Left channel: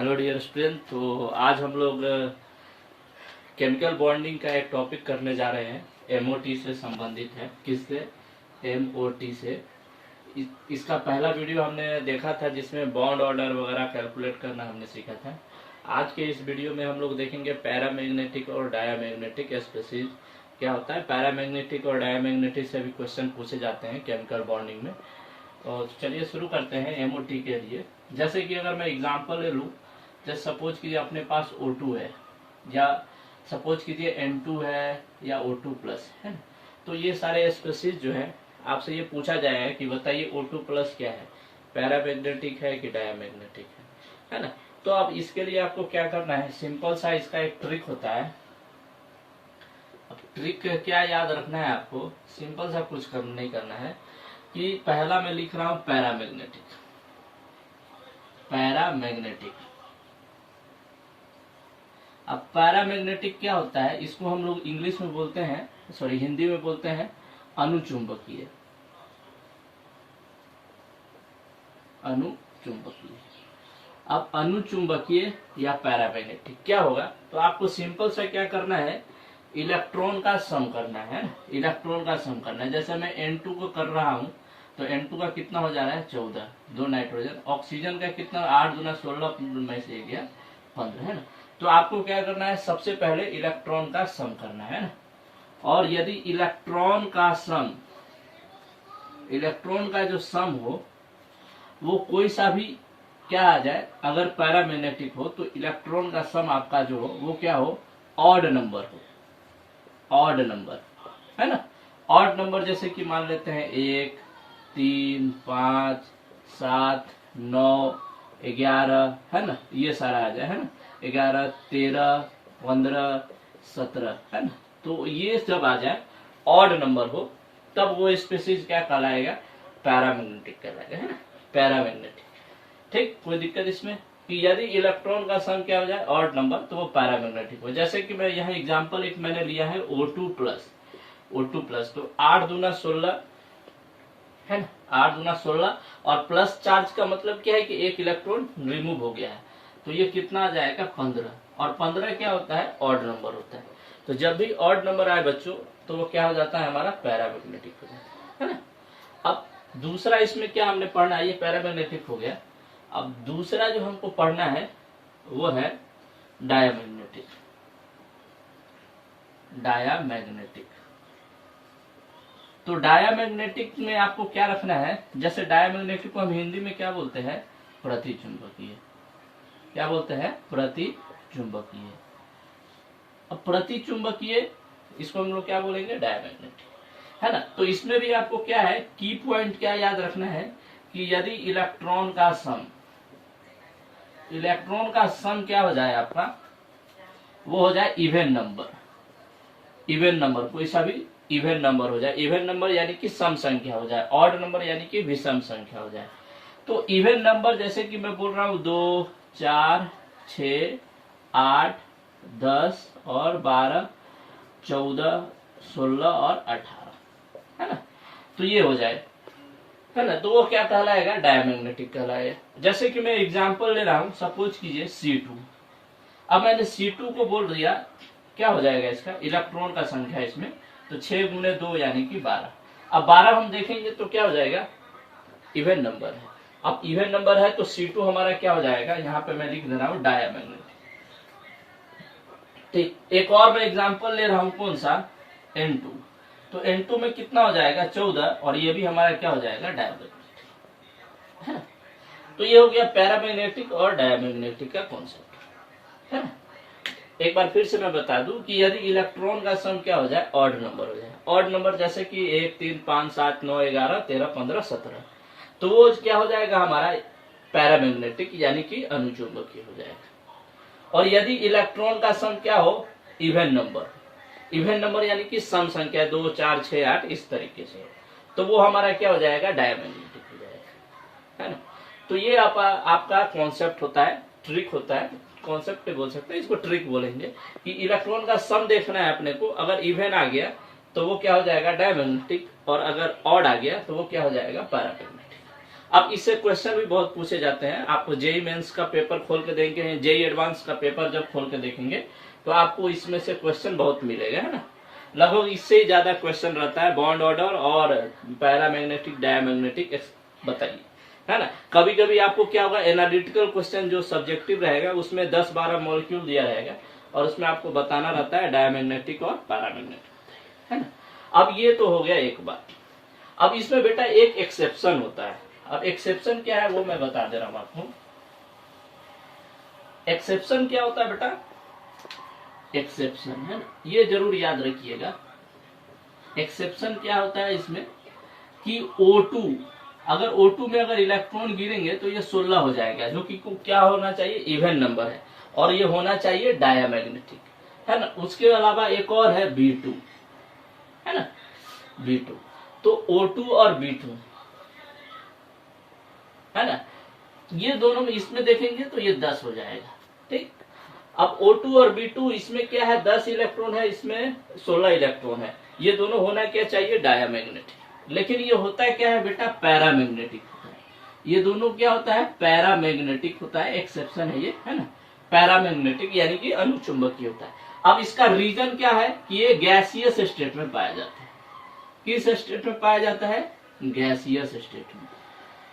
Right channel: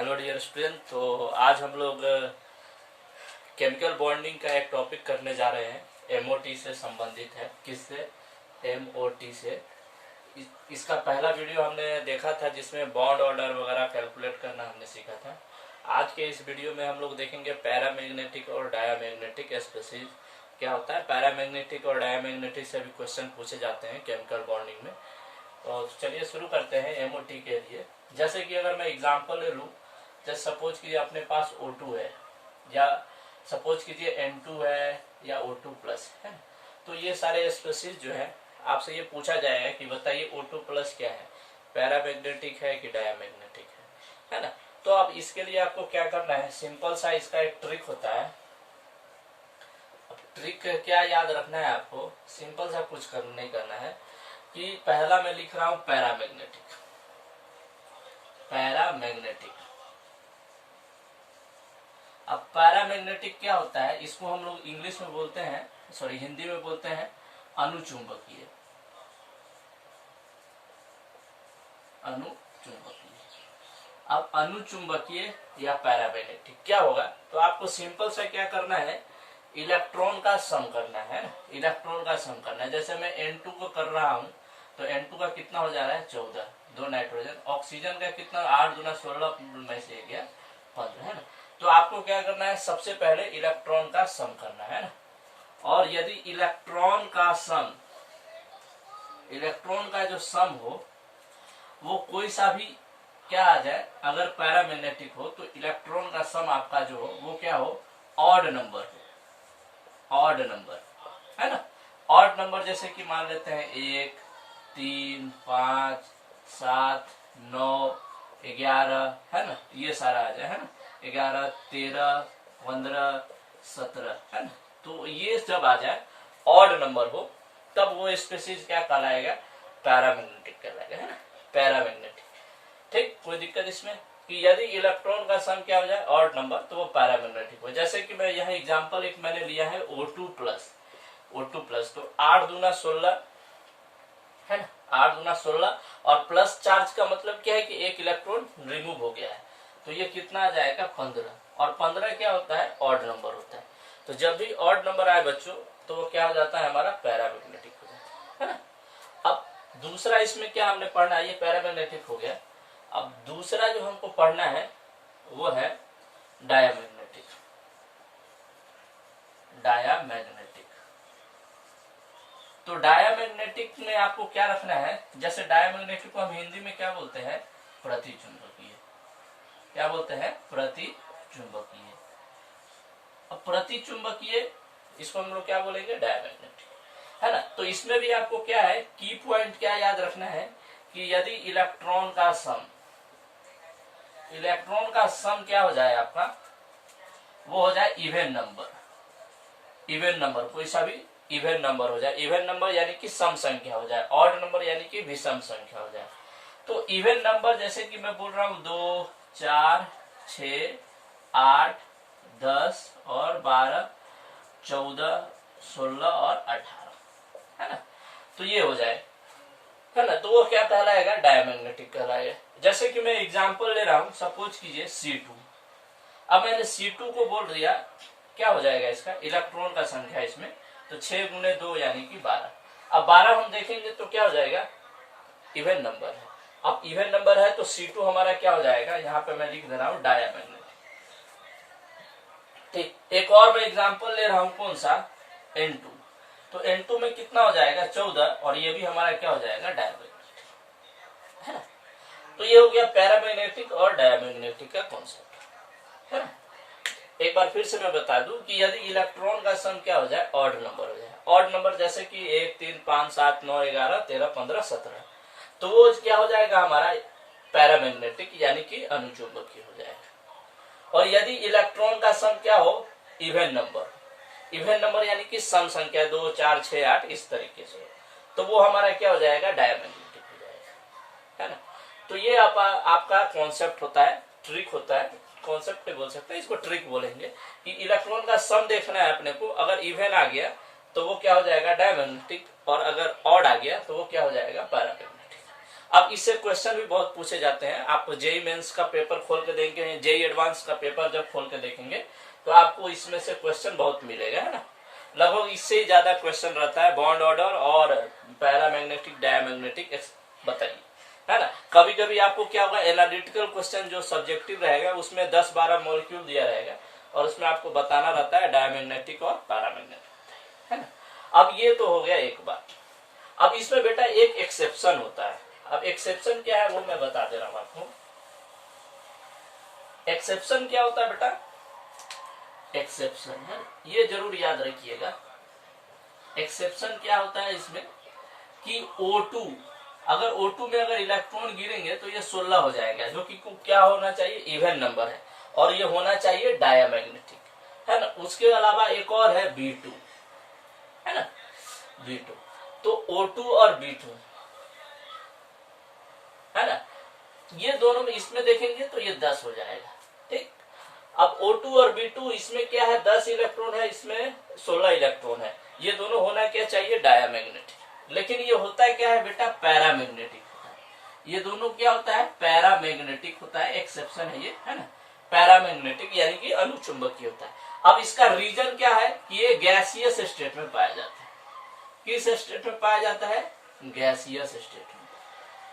Hello dear student. तो आज हम लोग केमिकल बॉन्डिंग का एक टॉपिक करने जा रहे हैं। एमओटी से संबंधित है। किससे? एमओटी से। इसका पहला वीडियो हमने देखा था जिसमें बॉन्ड ऑर्डर वगैरह कैलकुलेट करना हमने सीखा था। आज के इस वीडियो में हम लोग देखेंगे पैरामैग्नेटिक और डायामैग्नेटिक स्पेसीज क्या होता है। पैरामैग्नेटिक और डायामैग्नेटिक से भी क्वेश्चन पूछे जाते हैं केमिकल बॉन्डिंग में। और चलिए शुरू करते हैं एमओटी के लिए। जैसे कि अगर मैं एग्जांपल ले लूँ, जैसे सपोज कीजिए अपने पास O2 है, या सपोज कीजिए N2 है या O2 प्लस है ना। तो ये सारे स्पेसीज जो है आपसे ये पूछा जाएगा कि बताइए O2 प्लस क्या है, पैरामैग्नेटिक है कि डायामैग्नेटिक है ना। तो अब इसके लिए आपको क्या करना है, सिंपल सा इसका एक ट्रिक होता है। अब ट्रिक क्या याद रखना है आपको, सिंपल सा कुछ नहीं करना है कि पहला मैं लिख रहा हूं पैरामैग्नेटिक। पैरामैग्नेटिक, अब पैरामैग्नेटिक क्या होता है, इसको हम लोग इंग्लिश में बोलते हैं, सॉरी हिंदी में बोलते हैं अनुचुंबकीय। अनुचुंबकीय। अब अनुचुंबकीय या पैरामैग्नेटिक क्या होगा, तो आपको सिंपल सा क्या करना है, इलेक्ट्रॉन का सम करना है। इलेक्ट्रॉन का सम करना है। जैसे मैं N2 को कर रहा हूं तो N2 का कितना हो जा रहा है 14, 2 नाइट्रोजन। ऑक्सीजन का कितना, 8 दूना 16 में से गया 15 है ना। तो आपको क्या करना है, सबसे पहले इलेक्ट्रॉन का सम करना है ना। और यदि इलेक्ट्रॉन का सम, इलेक्ट्रॉन का जो सम हो वो कोई सा भी क्या आ जाए, अगर पैरामैग्नेटिक हो तो इलेक्ट्रॉन का सम आपका जो हो वो क्या हो, ऑड नंबर हो। ऑड नंबर है ना। ऑड नंबर जैसे कि मान लेते हैं 1, 3, 5, 7, 9, 11 है ना, ये सारा आ जाए है ना। 11, 13, 15, 17 है ना। तो ये जब आ जाए ऑड नंबर हो तब वो स्पेसीज क्या कहलाएगा, पैरामैग्नेटिक कहलाएगा है ना। पैरामैग्नेटिक, ठीक। कोई दिक्कत इसमें कि यदि इलेक्ट्रॉन का सम क्या हो जाए ऑड नंबर तो वो पैरामैग्नेटिक हो। जैसे कि मैं यहाँ एग्जांपल एक मैंने लिया है O2 प्लस। O2 प्लस तो 8 दूना 16 है ना, 8 दूना 16 और प्लस चार्ज का मतलब क्या है कि एक इलेक्ट्रॉन रिमूव हो गया है, तो ये कितना आ जाएगा 15। और 15 क्या होता है, ऑड नंबर होता है। तो जब भी ऑड नंबर आए बच्चों तो वो क्या हो जाता है, हमारा पैरामैग्नेटिक हो जाता है ना। अब दूसरा इसमें क्या हमने पढ़ना है, ये पैरामैग्नेटिक हो गया। अब दूसरा जो हमको पढ़ना है वो है डायामैग्नेटिक। डायामैग्नेटिक, तो डायामैग्नेटिक में आपको क्या रखना है, जैसे डायामैग्नेटिक को हम हिंदी में क्या बोलते हैं, प्रतिचुंबकीय। क्या बोलते हैं, प्रतिचुंबकीय। अब प्रतिचुंबकीय इसको हम लोग क्या बोलेंगे, डायामैग्नेटिक है ना। तो इसमें भी आपको क्या है, की पॉइंट क्या याद रखना है कि यदि इलेक्ट्रॉन का सम, इलेक्ट्रॉन का सम क्या हो जाए आपका, वो हो जाए इवन नंबर। इवन नंबर, कोई सा भी इवन नंबर हो जाए। इवन नंबर यानी कि सम संख्या हो जाए, ऑड नंबर यानी कि विषम संख्या हो जाए। तो इवन नंबर जैसे कि मैं बोल रहा हूं 2, 4, 6, 8, 10 और 12, 14, 16 और 18 है ना। तो ये हो जाए है ना, तो वो क्या कहलाएगा, डायामैग्नेटिक कहलाएगा। जैसे कि मैं एग्जांपल ले रहा हूं, सपोज कीजिए C2। अब मैंने C2 को बोल दिया, क्या हो जाएगा इसका, इलेक्ट्रॉन का संख्या इसमें तो 6 गुने 2 यानी कि 12। अब 12 हम देखेंगे तो क्या हो जाएगा, इवन नंबर है। अब इवन नंबर है तो C2 हमारा क्या हो जाएगा, यहाँ पे मैं लिख दे रहा हूं डायामैग्नेटिक। ठीक, एक और मैं एग्जांपल ले रहा हूं, कौन सा, N2। तो N2 में कितना हो जाएगा 14 और ये भी हमारा क्या हो जाएगा, डायामैग्नेटिक है ना। तो ये हो गया पैरामैग्नेटिक और डायामैग्नेटिक का कॉन्सेप्ट है ना। एक बार फिर से मैं बता दूं कि यदि इलेक्ट्रॉन का सम क्या हो जाए, ऑड नंबर हो जाए। ऑड नंबर जैसे कि 1, 3, 5, 7, 9, 11, 13, 15, 17, तो वो क्या हो जाएगा हमारा पैरामैग्नेटिक यानी कि अनुचुंबकीय हो जाएगा। और यदि इलेक्ट्रॉन का सम क्या हो, इवन नंबर, इवन नंबर यानी कि सम संख्या 2, 4, 6, 8 इस तरीके से, तो वो हमारा क्या हो जाएगा, डायामैग्नेटिक हो जाएगा है ना। तो ये आपका कॉन्सेप्ट होता है, ट्रिक होता है, कॉन्सेप्ट बोल सकते हैं इसको, ट्रिक बोलेंगे कि इलेक्ट्रॉन का सम देखना है अपने को। अगर इवन आ गया तो वो क्या हो जाएगा, डायामैग्नेटिक, और अगर ऑड आ गया तो वो क्या हो जाएगा, पैरामैग्नेटिक। अब इससे क्वेश्चन भी बहुत पूछे जाते हैं। आप जेई मेंस का पेपर खोल के देखेंगे, जेई एडवांस का पेपर जब खोल के देखेंगे तो आपको इसमें से क्वेश्चन बहुत मिलेगा, है ना। लगभग इससे ही ज्यादा क्वेश्चन रहता है बॉन्ड ऑर्डर और पैरामैग्नेटिक डायमैग्नेटिक बताइए, है ना। कभी कभी आपको क्या होगा, एनालिटिकल क्वेश्चन जो सब्जेक्टिव रहेगा उसमें 10-12 मॉलिक्यूल दिया रहेगा और उसमें आपको बताना रहता है डायमैग्नेटिक और पैरामैग्नेटिक, है ना। अब ये तो हो गया एक बात। अब इसमें बेटा एक एक्सेप्शन होता है। अब एक्सेप्शन क्या है वो मैं बता दे रहा हूं आपको। एक्सेप्शन क्या होता है बेटा, एक्सेप्शन है, ये जरूर याद रखिएगा। एक्सेप्शन क्या होता है इसमें कि O2, अगर O2 में अगर इलेक्ट्रॉन गिरेंगे तो ये 16 हो जाएगा, जो कि क्या होना चाहिए, इवन नंबर है, और ये होना चाहिए डायमैग्नेटिक, है ना। उसके अलावा एक और है B2, है ना, B2। तो O2 और B2, है ना, ये दोनों में इसमें देखेंगे तो ये 10 हो जाएगा, ठीक। अब O2 और B2 इसमें क्या है, 10 इलेक्ट्रॉन है, इसमें 16 इलेक्ट्रॉन है, ये दोनों होना क्या चाहिए, डायमैग्नेटिक। लेकिन ये होता है क्या है बेटा, पैरामैग्नेटिक होता है। ये दोनों क्या होता है, पैरामैग्नेटिक होता है, एक्सेप्शन है ये, है ना। पैरामैग्नेटिक यानी कि अनुचुंबकीय होता है। अब इसका रीजन क्या है कि ये गैसियस स्टेट में पाया जाता है। किस स्टेट में पाया जाता है, गैसियस स्टेट में,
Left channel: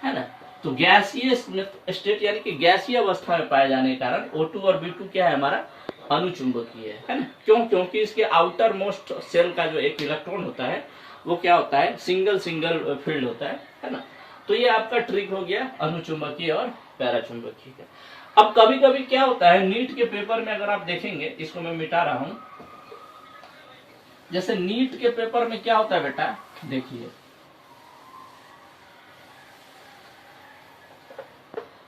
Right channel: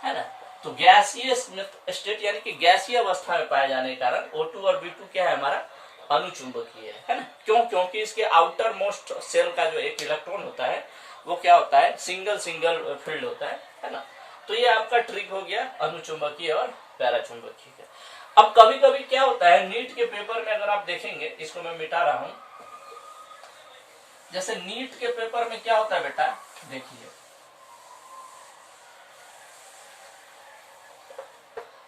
है ना। तो गैसियस स्टेट यानी कि गैसीय अवस्था में पाए जाने के कारण O2 और B2 क्या है, हमारा अनुचुंबकीय है ना। क्यों, क्योंकि इसके आउटर मोस्ट सेल का जो एक इलेक्ट्रॉन होता है वो क्या होता है, सिंगल फील्ड होता है ना। तो ये आपका ट्रिक हो गया अनुचुंबकीय और पैराचुंबकीय का। अब कभी कभी क्या होता है, नीट के पेपर में अगर आप देखेंगे, इसको मैं मिटा रहा हूं, जैसे नीट के पेपर में क्या होता है बेटा, देखिए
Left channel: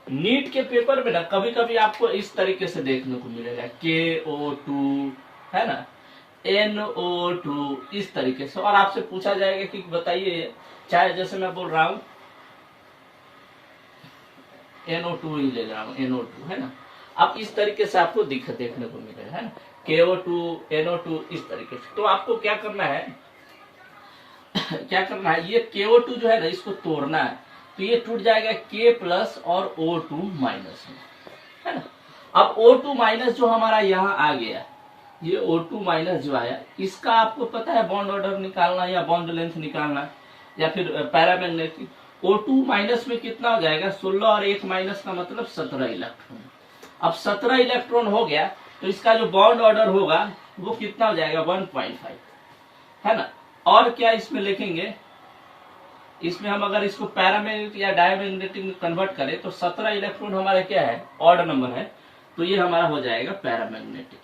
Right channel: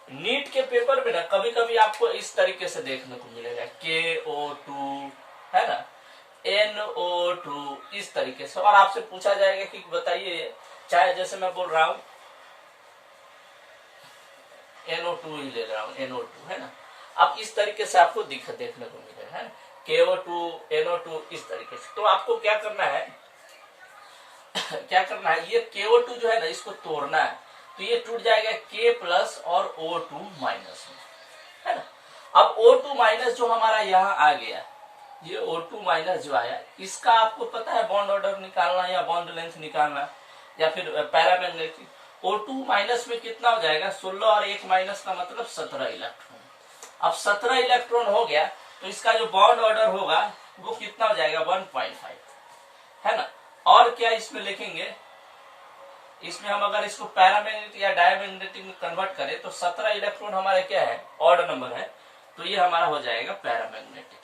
नीट के पेपर में ना कभी कभी आपको इस तरीके से देखने को मिलेगा, KO2, है ना, NO2, इस तरीके से, और आपसे पूछा जाएगा कि बताइए, चाहे जैसे मैं बोल रहा हूं NO2 ही ले रहा हूं, NO2, है ना। अब इस तरीके से आपको देखने को मिलेगा, है ना, KO2, NO2, इस तरीके से। तो आपको क्या करना है क्या करना है, ये KO2 जो है ना, इसको तोड़ना है, तो ये टूट जाएगा K प्लस और O2 माइनस में, है ना। अब O2 माइनस जो हमारा यहाँ आ गया, ये O2 माइनस जो आया, इसका आपको पता है बॉन्ड ऑर्डर निकालना या बॉन्ड लेंथ निकालना, या फिर पैरामैग्नेटिक। O2 माइनस में कितना हो जाएगा, 16 और 1 माइनस का मतलब 17 इलेक्ट्रॉन। अब 17 इलेक्ट्रॉन हो गया तो इसका जो बॉन्ड ऑर्डर होगा वो कितना हो जाएगा, 1.5, है ना। और क्या इसमें लिखेंगे, इसमें हम अगर इसको पैरामैग्नेटिक या डायमैग्नेटिक में कन्वर्ट करें तो 17 इलेक्ट्रॉन हमारे क्या है, ऑड नंबर है, तो ये हमारा हो जाएगा पैरामैग्नेटिक।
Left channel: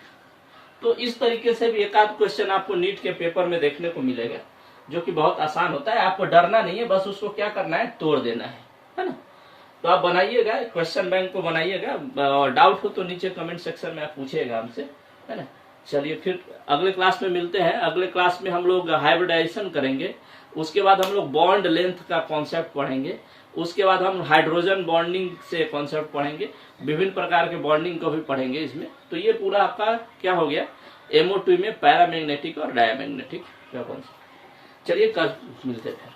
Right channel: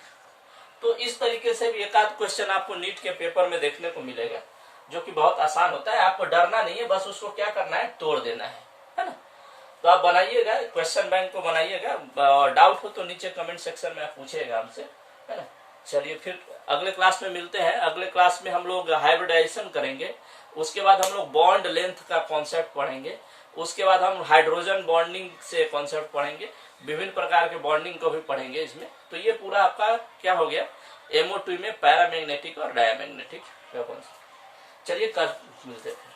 तो इस तरीके से भी एक आध क्वेश्चन आपको नीट के पेपर में देखने को मिलेगा, जो कि बहुत आसान होता है। आपको डरना नहीं है, बस उसको क्या करना है, तोड़ देना है ना। तो आप बनाइएगा, क्वेश्चन बैंक को बनाइएगा, और डाउट हो तो नीचे कमेंट सेक्शन में आप पूछिएगा हमसे, है ना। चलिए फिर अगले क्लास में मिलते हैं। अगले क्लास में हम लोग हाइब्रिडाइजेशन करेंगे, उसके बाद हम लोग बॉन्ड लेंथ का कॉन्सेप्ट पढ़ेंगे, उसके बाद हम हाइड्रोजन बॉन्डिंग से कॉन्सेप्ट पढ़ेंगे, विभिन्न प्रकार के बॉन्डिंग को भी पढ़ेंगे इसमें। तो ये पूरा आपका क्या हो गया, MO2 में पैरामैग्नेटिक और डायमैग्नेटिक का कॉन्सेप्ट। चलिए कल मिलते हैं।